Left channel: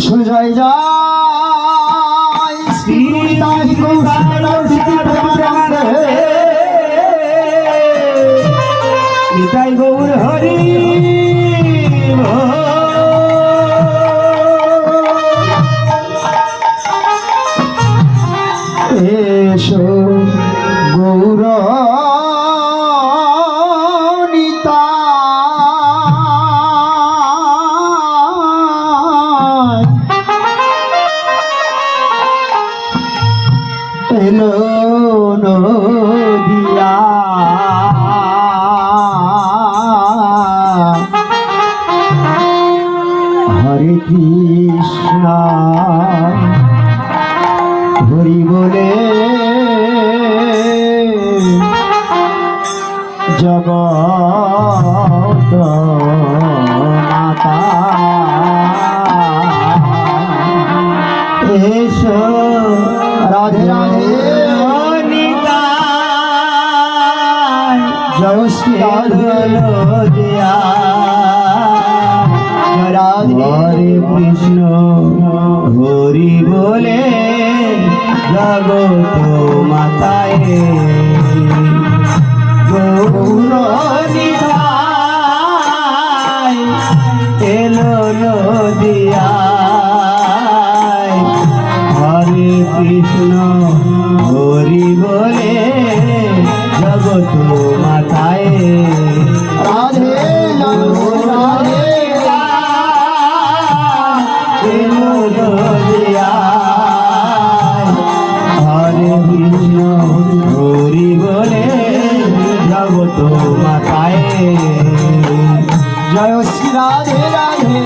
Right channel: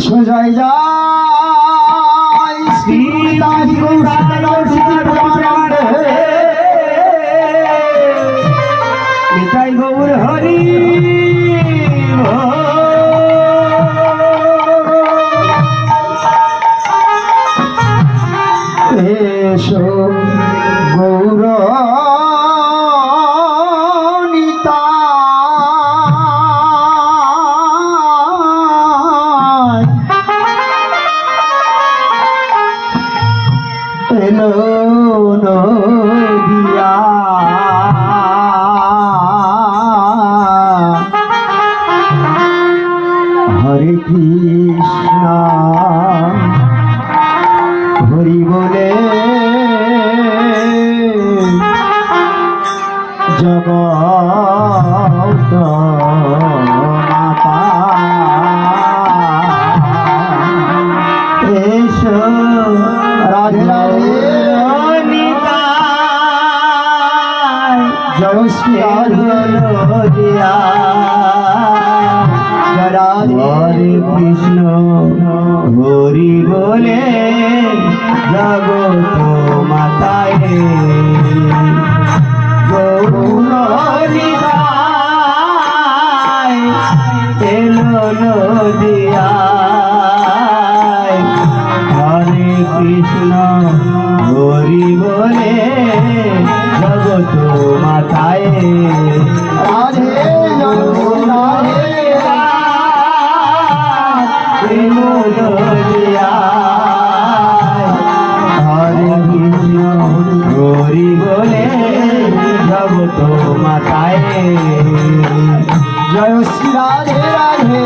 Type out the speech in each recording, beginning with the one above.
সোজাই যায় নিতাই গৌর হরি এসো গৌর এলো নদিয়া হরে কৃষ্ণ হরি বলে জগত মাতা এসো রাধে রাধে জয় শ্রী রাধে হরে কৃষ্ণ হরি বলে জগত মাতায় গৌর নিতাই এলো নদিয়ায় হরে কৃষ্ণ হরি বলে জগত মাতায় রাধে রাধে এলো নদিয়ায় হরে কৃষ্ণ হরি বলে জগত মাতায় জয় শ্রী রাধে রাধে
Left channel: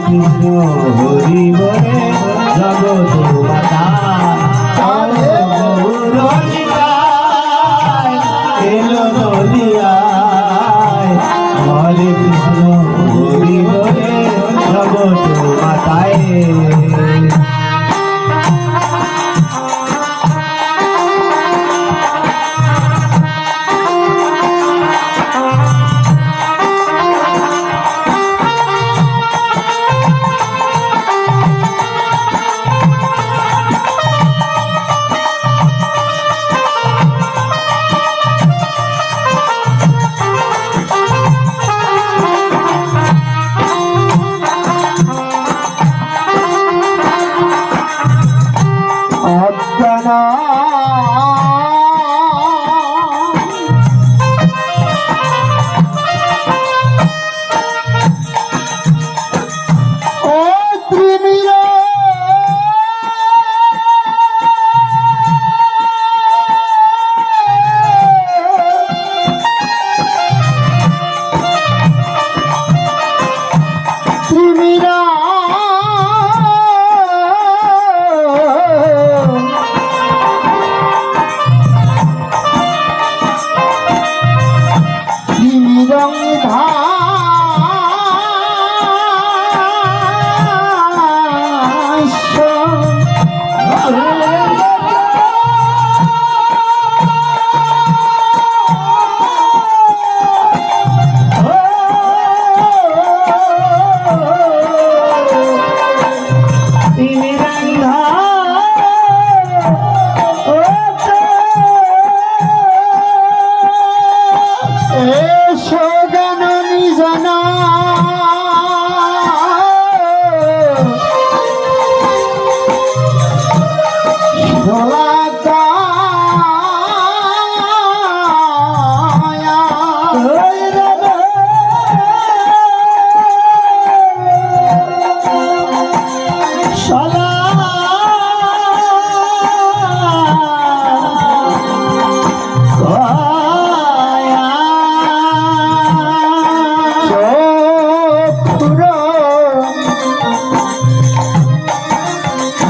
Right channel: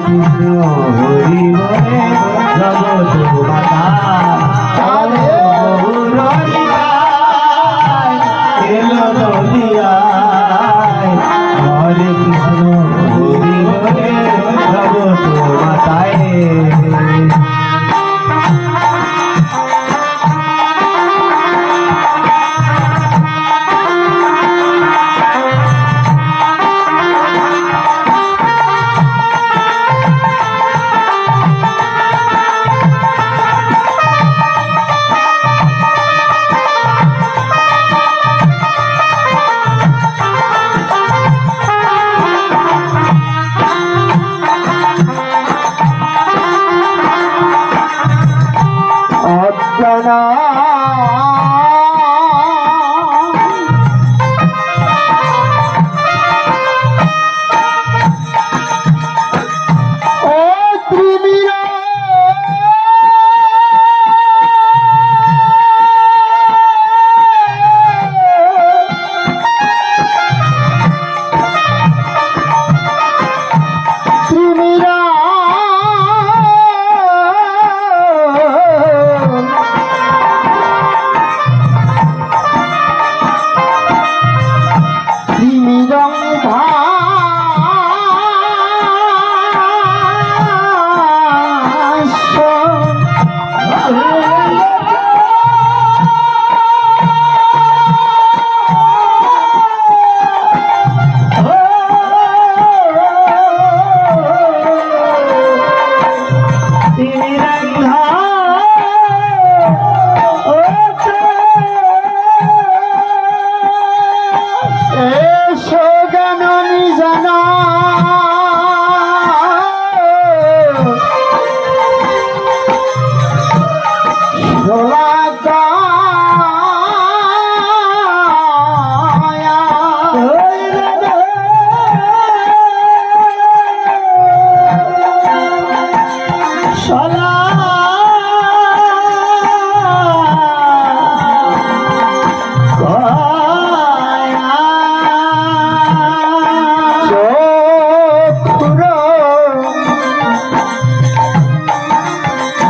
কৃষ্ণ হরি বলে জগৎ মাতা রাধে এলো নদিয়ায় হরে কৃষ্ণ হরি বলে জগৎ মাতায় অজ্ঞানা ও ত্রিমিরা ত্রিমিরা তিমিরং ভাষ্য গানী জানা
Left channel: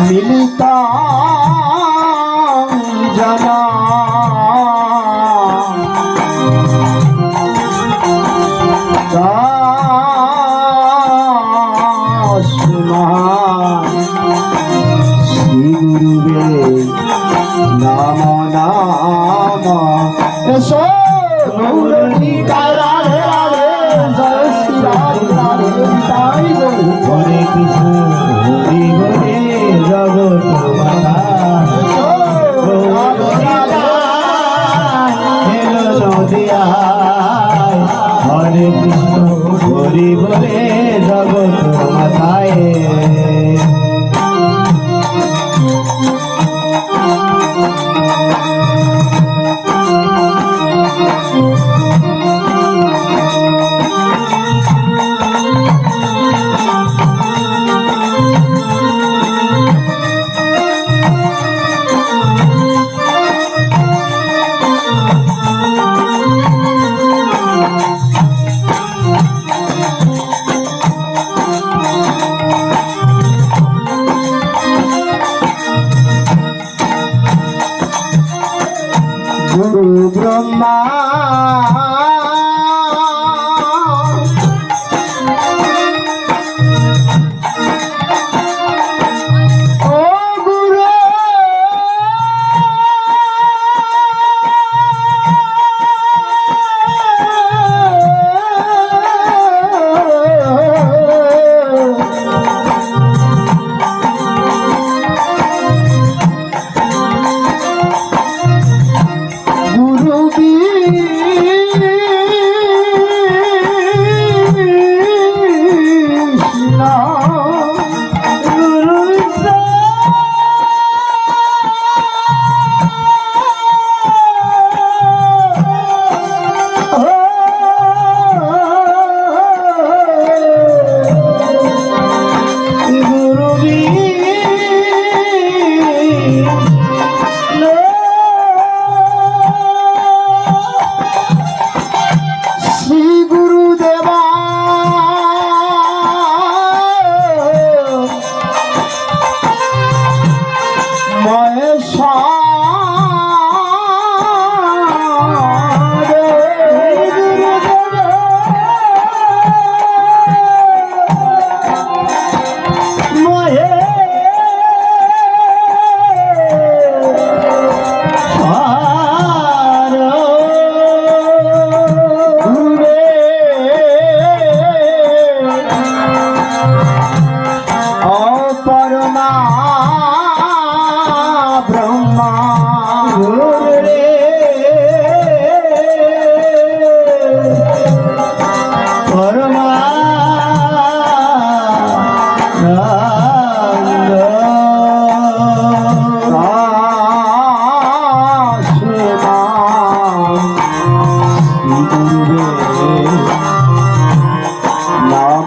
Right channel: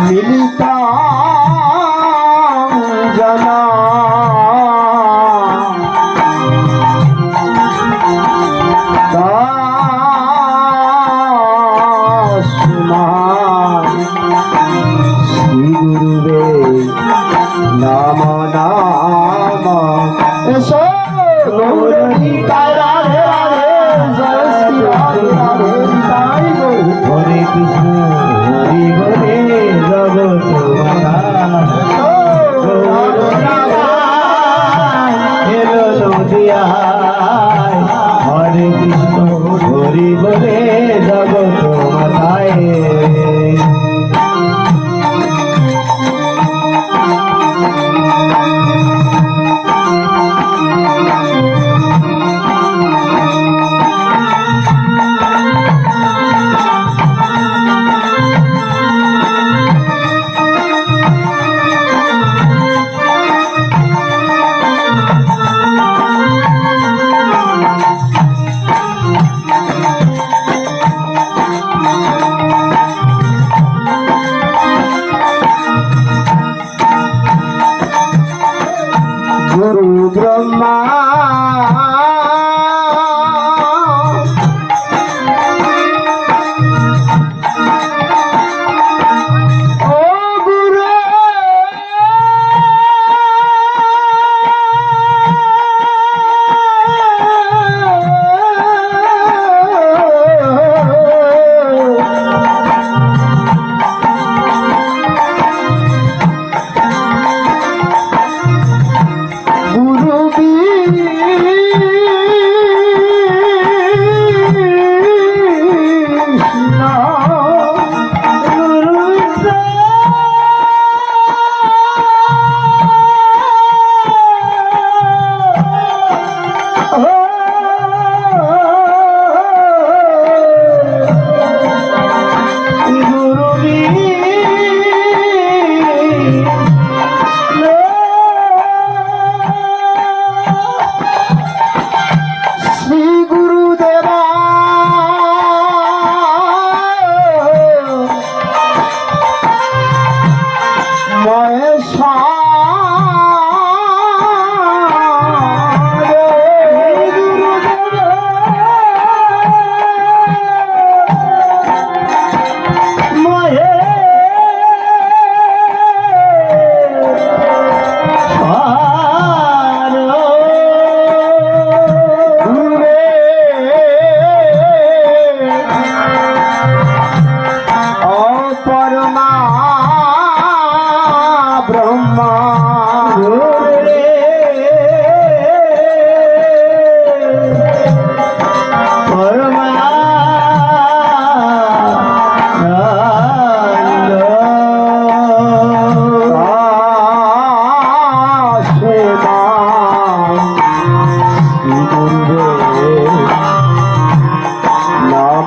মিলিতা জানা শ্রী গুরুবে নাম নাম এসো গৌরী রাধে রাধে জয় শ্রী রাধে রাধে গৌর হরে কৃষ্ণ হরি বলে জগৎ মাতা এলো নদিয়ায় হরে কৃষ্ণ হরি বলে জগৎ মাতায়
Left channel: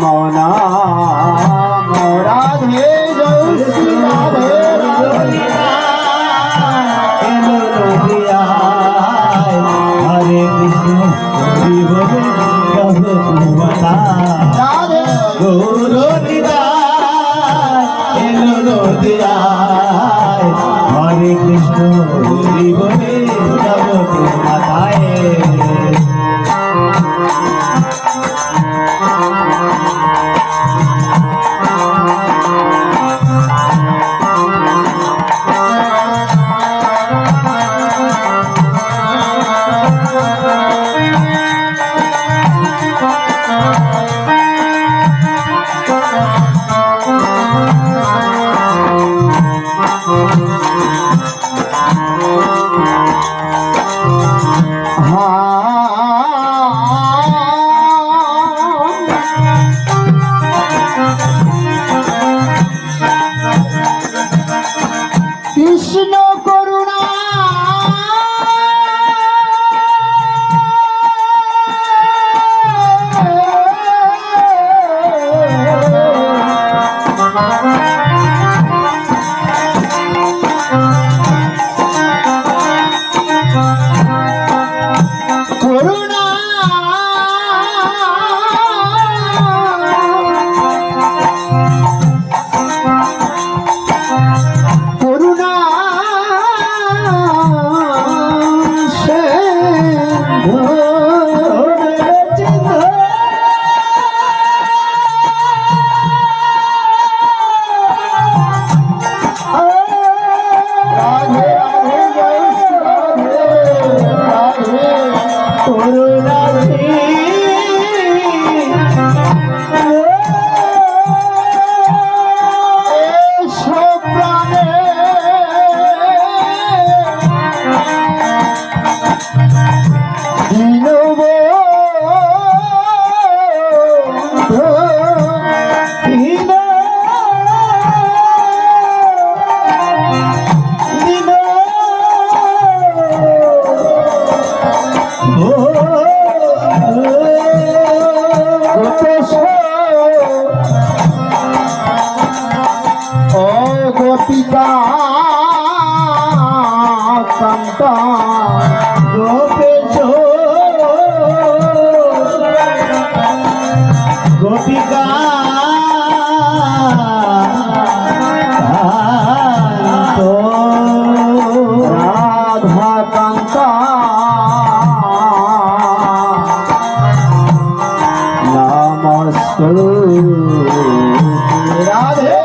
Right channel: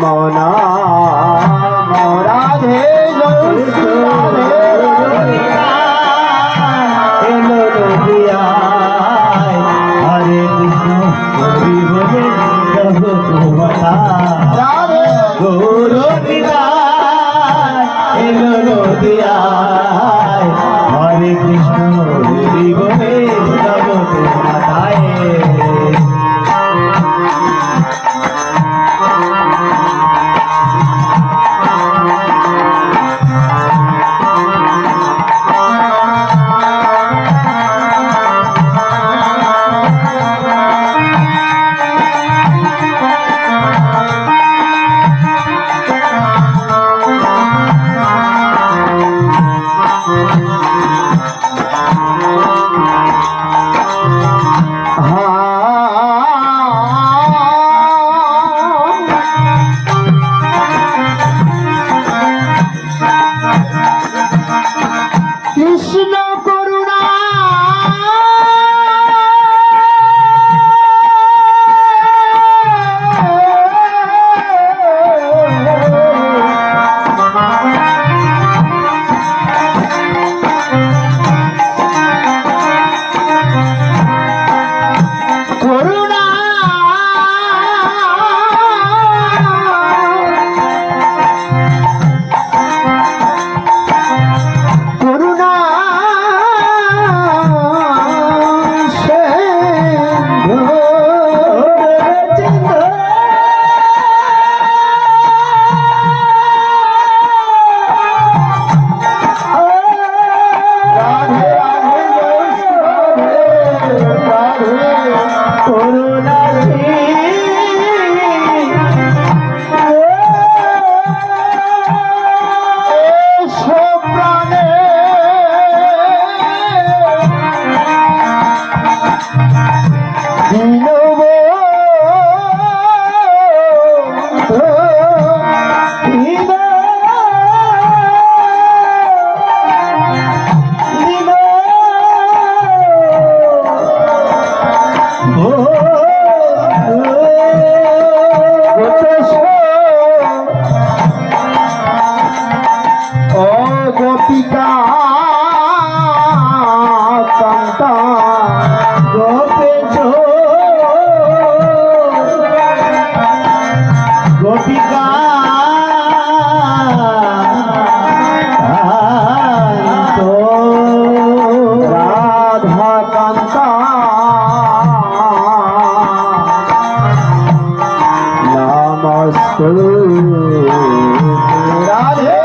নাম রাধে জয় শ্রী রাধে রাধে এলো নদিয়ায় হরে কৃষ্ণ হরি বলে যাব তোমার রাধে গৌর এলো নদিয়ায় হরে কৃষ্ণ হরি বলে যাব তোমার কৃষ্ণ করুণা করুণা করুণা রাধে রাধে জয় শ্রী রাধে রাধে করুণা এসো প্রাণে ও গোপিকা কান্তা গোপেশ গোপিকা রাধা কান্তা নমস্তে রাধে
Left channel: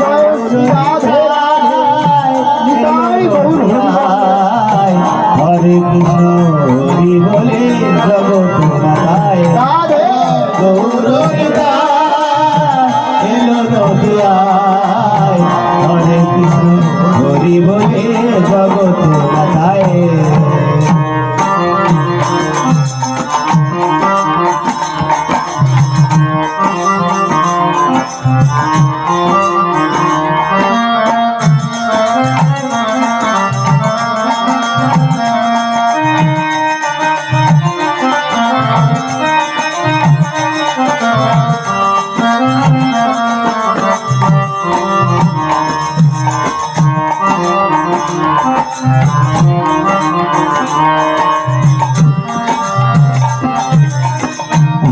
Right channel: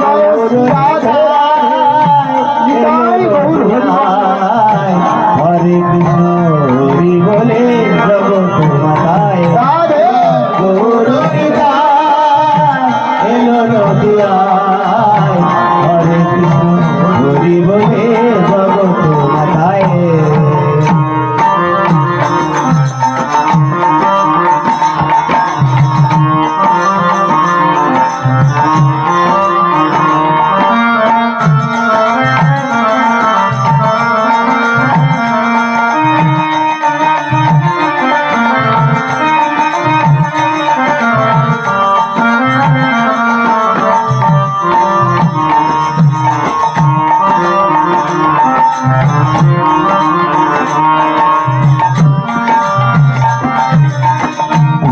জয় শ্রী রাধে নিতাই গৌর হরে কৃষ্ণ হরি বলে জগৎ মাতায় রাধে গৌর এলো নদিয়ায় হরে কৃষ্ণ হরি বলে জগৎ মাতায়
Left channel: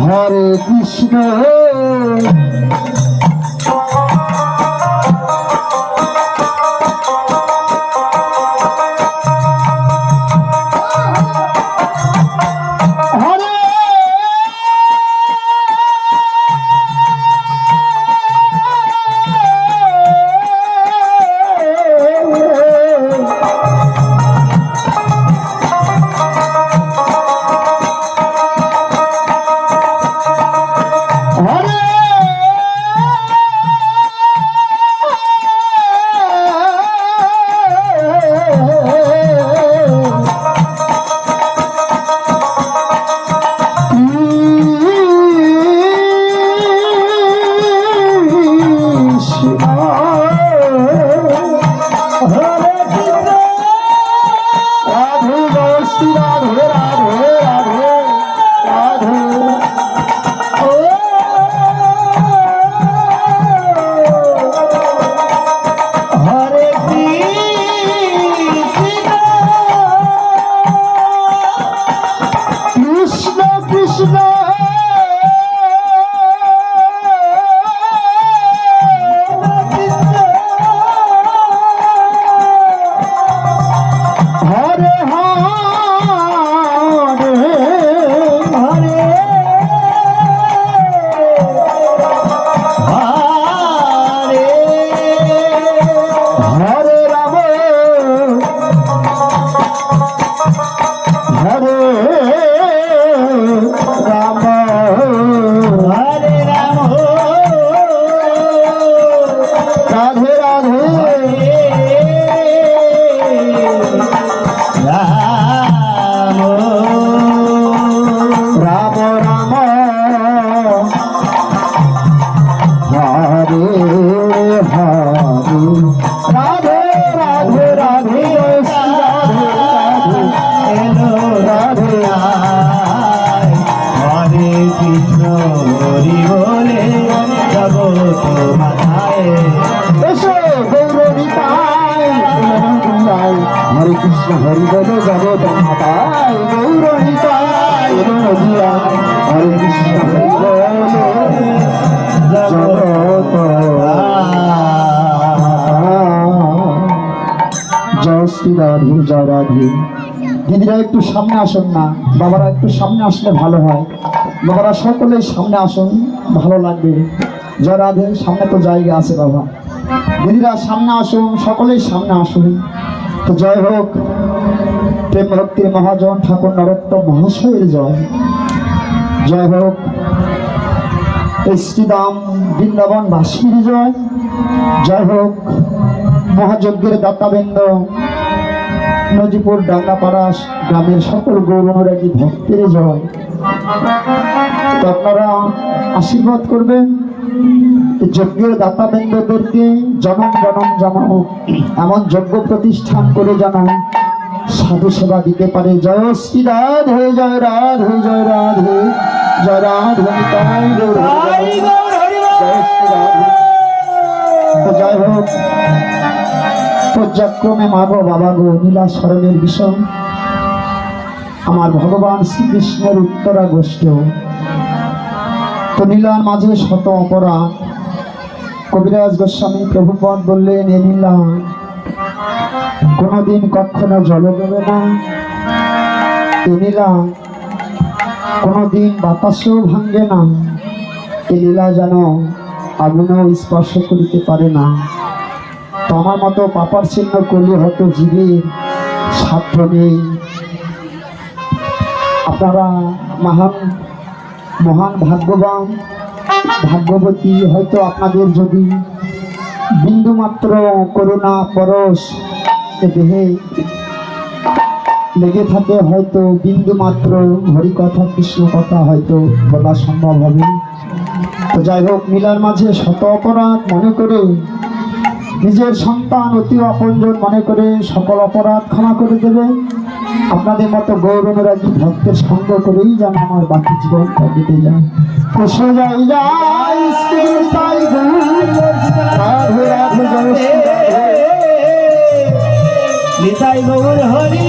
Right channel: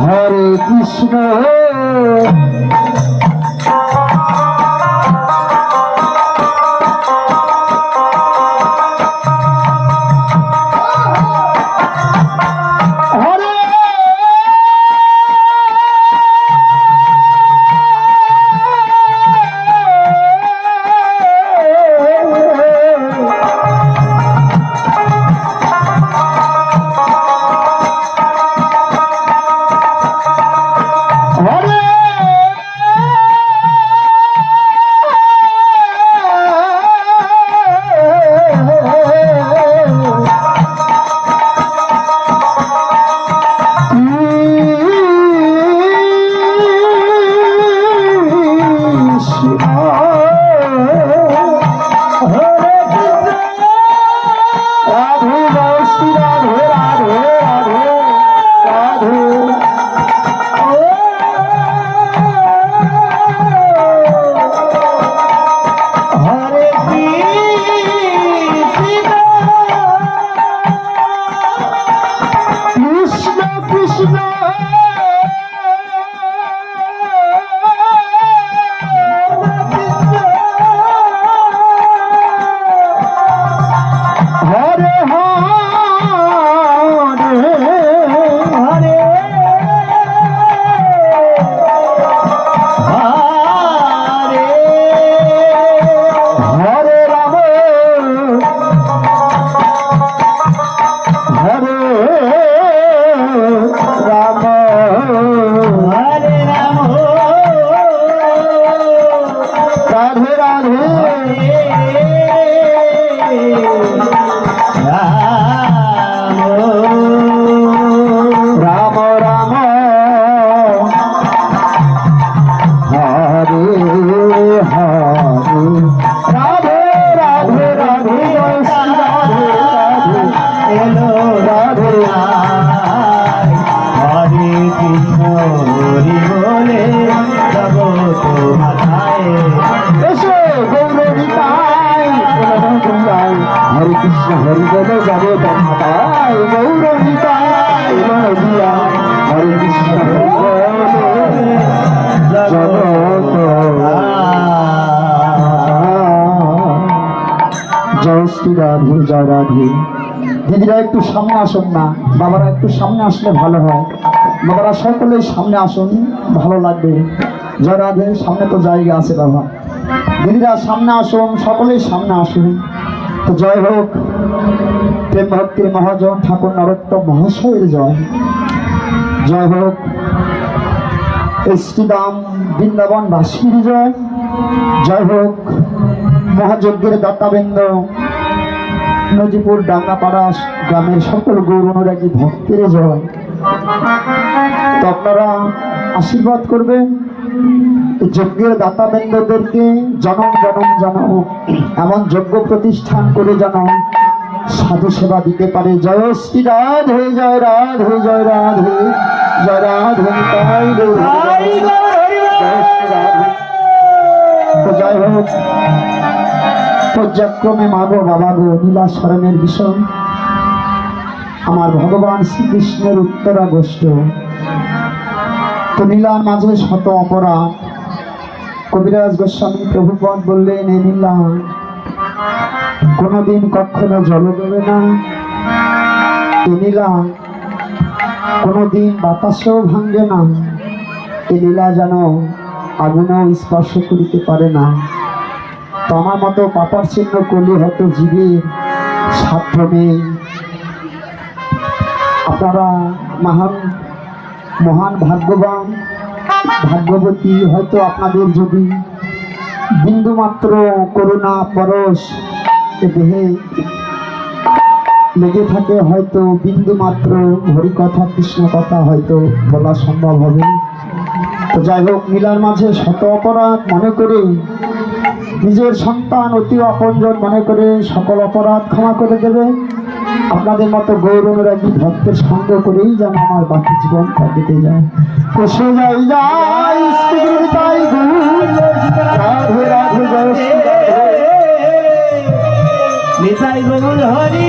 হরে কৃষ্ণ হরে হরে হরে রাধে রাধে রাধে জয় শ্রী রাধে রাধে এলো রাধে আয় হরে কৃষ্ণ হরি বলে যাব তো মাথায় এসো গৌরবিতায় হরে কৃষ্ণ হরি বলে যাব তোমায় গৌরবিতায় হরে কৃষ্ণ হরি বলে যাব তো জয় শ্রী রাধে জয় রাধে। দিদিরা একটু সামনে আসুন না, বাবারা একটু সামনে আসলে ভালো হয়। বাবারা সকলেই সামনে আসুন, ভালো লাগবে। জয় রাধে, সামনে তো জায়গা আছে বাবা। দিদিরা সামনে আসুন, সকলেই সামনে আসুন। তো জয় হোক প্রেম ভক্তির মহাজন ঠাকুর নরোত্তম মহাশয়ের জয়। জয় হোক এই শ্রীদাম বৃন্দাবন বাসীর জয়। জয় হোক মহাযজ্ঞের দাতাবৃন্দ নজিপুর ডাঙ্গাপাড়া গ্রামের সকল গৌরনুরাগী ভক্তের জয়। তো আপনারা আশীর্বাদ করবেন যজ্ঞের দাতাবৃন্দদেরকে, জনম জনম জনম এমন যজ্ঞ প্রতিষ্ঠান করে যেন সাধু সেবা দিতে পারে। জয় শ্রী রাধে জয় রাধে জয় রাধে জয় রাধে তাই জয় শ্রী রাধে। তো জয় হোক পর্যায়ক্রমে মাগো বাবা গো নীলা শরণের বিষয় আমার ভগবান শ্রীকৃষ্ণের উত্তরা গোষ্ঠ। তো নীলার মাঝে শত অপরাধ। কবিরাজ গোস্বামী প্রভুপদ বললেন এ নীলা কোনোদিন কখনো জলে দেবে না, এ নীলা কোনোদিন বাতাসও ভাঙ্গে না, এ নীলা যেন আগুনও স্পর্শ করিতে পারে না। তো আমার মতো পাপার চিহ্ন করলে হয়তো জীবের সাধ্য নেই। আপনারা মহান মহান ভাগ্যবান ভাগ্যবতী, হয়তো আপনাদের যদি বিন্দু মাত্র করুণা পরশ দেহে লেগে থাকে, হয়তো বিন্দু মাত্র হরিকথা কৃষ্ণ কথা হয়তো বলা সম্ভব হবে। তো যাই হোক নীলার মাঝে শত অপরাধ মনে করে নিজের সন্তান অতি আপনজন মনে করে সকল অপরাধ ক্ষমা করে দেবে। আপনাদের মতো গৌরনুরাগী ভক্তের সঙ্গ করেই যেন আমার বাকি জীবন কেটে যায়। তো সে যাই যায় শ্রী তাই রাধে রাধে জয় শ্রী নিতাই গৌর হরি।